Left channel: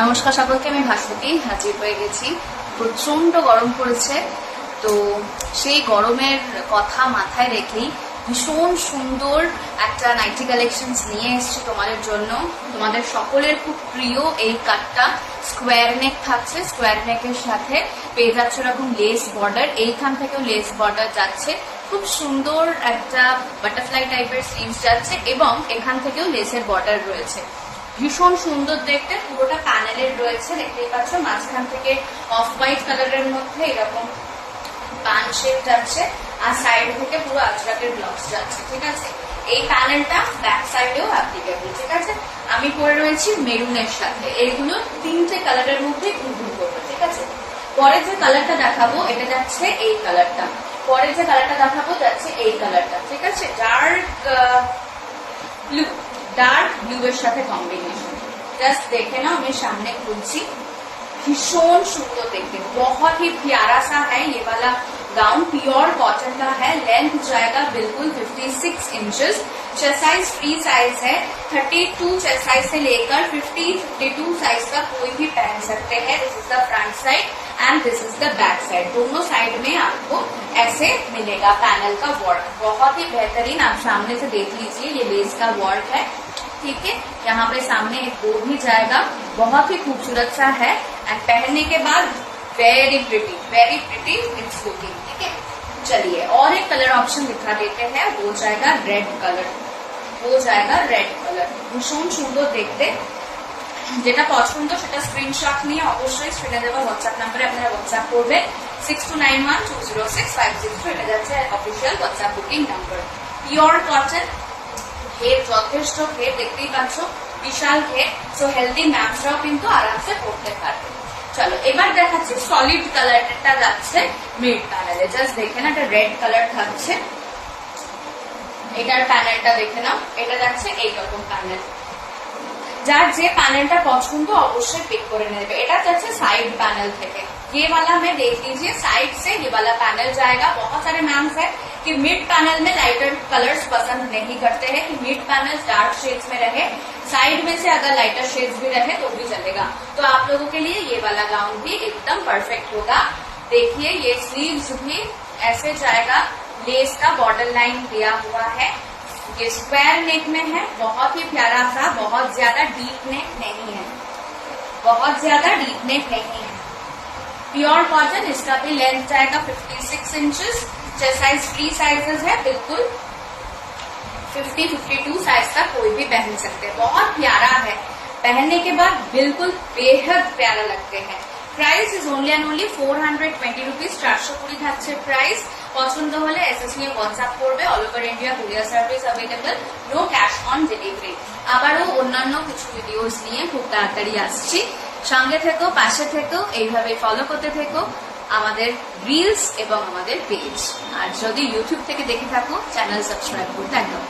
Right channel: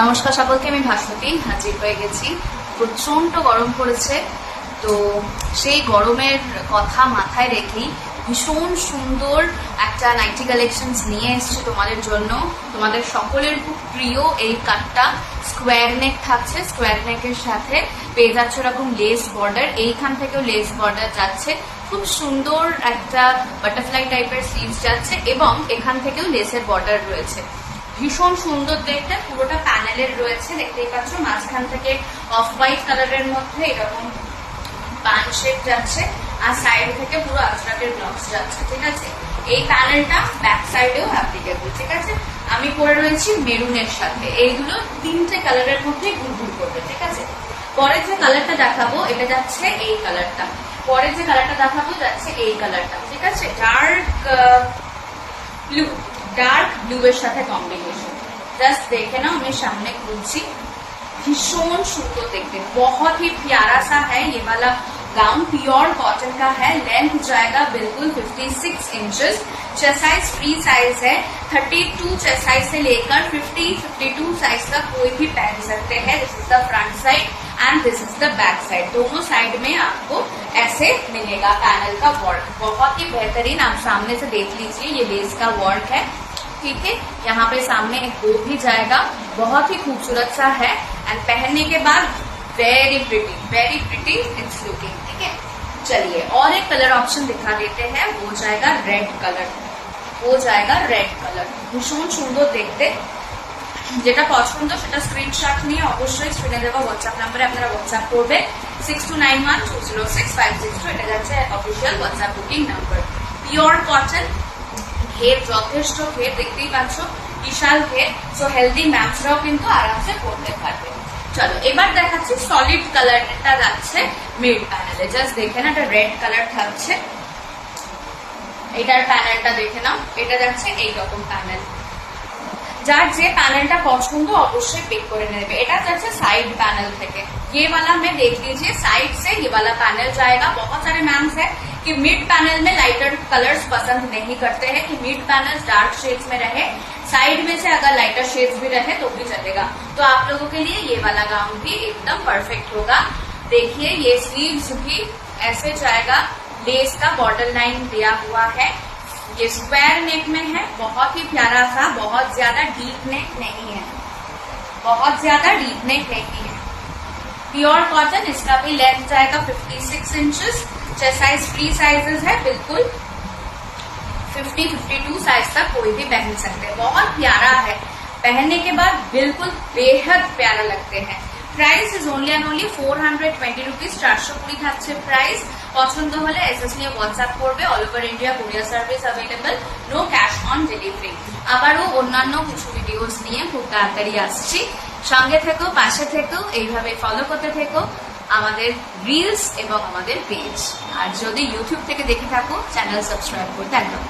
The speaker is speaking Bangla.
নমস্কার সকলকে, আমি ভাস্বতী হাজির হয়ে গেছি। প্রচন্ড গরম পড়েছে, তো সেই গরমের কথা মাথায় রেখেই ভীষণ সুন্দর একটা নাইটি কালেকশনস নিয়ে এসেছি তোমাদের জন্য। তোমাদের সকলের খুব প্রিয় এই কাটটা স্কোয়ার নেক থাকছে। স্কোয়ার নেকের সাথে পেয়ে যাচ্ছে এরকম লেস বর্ডার, এইখান থেকেও লেস বর্ডার যাচ্ছে। খুব সুন্দর একটা বাটারফ্লাই টাইপের স্লিভস যাচ্ছে এবং এখান থেকেও লেসের বর্ডার রয়েছে। ভীষণ সুন্দর দেখতে, পুরোটা প্যানেলের রয়েছে, দেখতেই পাচ্ছ। মাঝখান থেকে অফ হোয়াইট কালারের মধ্যে এরকম পান শেপ যাচ্ছে, আর সাইড থেকে পুরো আজরাকের ব্লকস যাচ্ছে। ঠিক আছে, এই প্যানেলটা ব্যাক সাইডেও অ্যাপ্লিকেবল। ঠিক আছে, আমি পরে রয়েছি মেরুনের সাথে। এইগুলো তিনটে কালারের মধ্যে ঘুরঘুর করবে। ঠিক আছে, পরে যে কালারটা দেখাবো এটা যাচ্ছে এই কালারটা, পরে যে কালারটা দেখাবো যাচ্ছে এই কালারটা। ঠিক আছে, ডার্ক ব্লু এর সাথে কম্বিনেশন। জাস্ট দেখে নাও, আমি সাमने খুলছি। भीषण सुंदर देखते, बहुत ही प्यारा सा है ये वाला गाउन। प्योर कॉटन का है, लेंथ जाएगा बिल्कुल 56 inches. Chest size free size है, 32 चेस्ट साइज से लेकर 50-52 साइज का कोई भी पहन सकते हैं। This is the front side and this is the back side. दोनों साइड में आपको ऐसे मिलेगा पैनल का वर्क, बहुत ही बेहतरीन। आप सामने से देख लीजिए, ये लेस का वर्क है। ठीक है, यहाँ पे सामने एक बो भी जाएगा, बहुत ही खूबसूरत सा है। एंड पहनने के बाद वेरी प्रिटी इट्स लुकिंग। ठीक है, चलिए और एक कलर ऑप्शन दिखा देते हैं, वो जाएगा रेड कलर। भीषण सुंदर देखते, যেটা পছন্দ সেটা স্ক্রিনশট নিয়ে অবশ্যই স্ক্রিনে দেওয়া হোয়াটসঅ্যাপ নাম্বারে আপনারা হোয়াটসঅ্যাপ করবেন 6291206562। এটা যাচ্ছে official WhatsApp booking number. Pure cotton, ঘের যথেষ্ট, ঘের দেখতেই পাচ্ছ, বিশাল ঘের। সো হেলদি ম্যামসরাও কিন্তু আরামসে পড়তে পারবে। চলো এবার দেখাচ্ছি সলিড কালারটা যাচ্ছে মিড প্যানেলে। জাস্ট দেখে না, এটা রেড কালার থাকছে। এটার প্যানেলটা দেখে নাও, এটা যাচ্ছে এইরকম প্যানেল। যার যে প্যানেলটা পছন্দ অবশ্যই পিক করে নেবে। এটা যাচ্ছে साइड पैनल থেকে। ये वाला में देख लीजिए, साइड से ये वाला पैनल जाएगा। बहुत सारे मैम्स है कि मिड पैनल में लाइटर कलर्स पसंद नहीं करते हैं, कि मिड पैनल डार्क शेड्स में रहे, साइड में से अगर लाइटर शेड्स भी रहे तो भी चलेगा। तो आप लोगों के लिए ये वाला गाउन भी एकदम परफेक्ट होगा। देखिए ये स्लीव्स भी ऐसे जाएगा, लेस का बॉर्डर लाइन दिया हुआ है। ये स्क्वायर नेक में है, बहुत ही प्यारा सा, बहुत ज्यादा डीप नेक नहीं है, प्योर कॉटन। इसका भी लेंथ जाएगा 56 inches. Chest size free sizes है, बिल्कुल 50-52 साइज का कोई भी पहन सकते हैं। बहुत प्यारा है, पहनने के बाद बिल्कुल बेहद प्यारा लगते हैं। Price is only and only 420 rupees. 420 থাকছে প্রাইস। পছন্দ হলে এসএস নিয়ে হোয়াটসঅ্যাপ করবে। All over India courier service available, no cash on delivery. আবারও অন্যান্য কিছু ভিডিওস নিয়ে খুব তাড়াতাড়ি আসছি। সঙ্গে থেকো, পাশে থেকো, এইভাবে ফলো করতে থেকো আমাদের রিলস এবং আমাদের পেজ। আর যদি ইউটিউব থেকে দেখে থাকো, চ্যানেল সাবস্ক্রাইব করতে একদম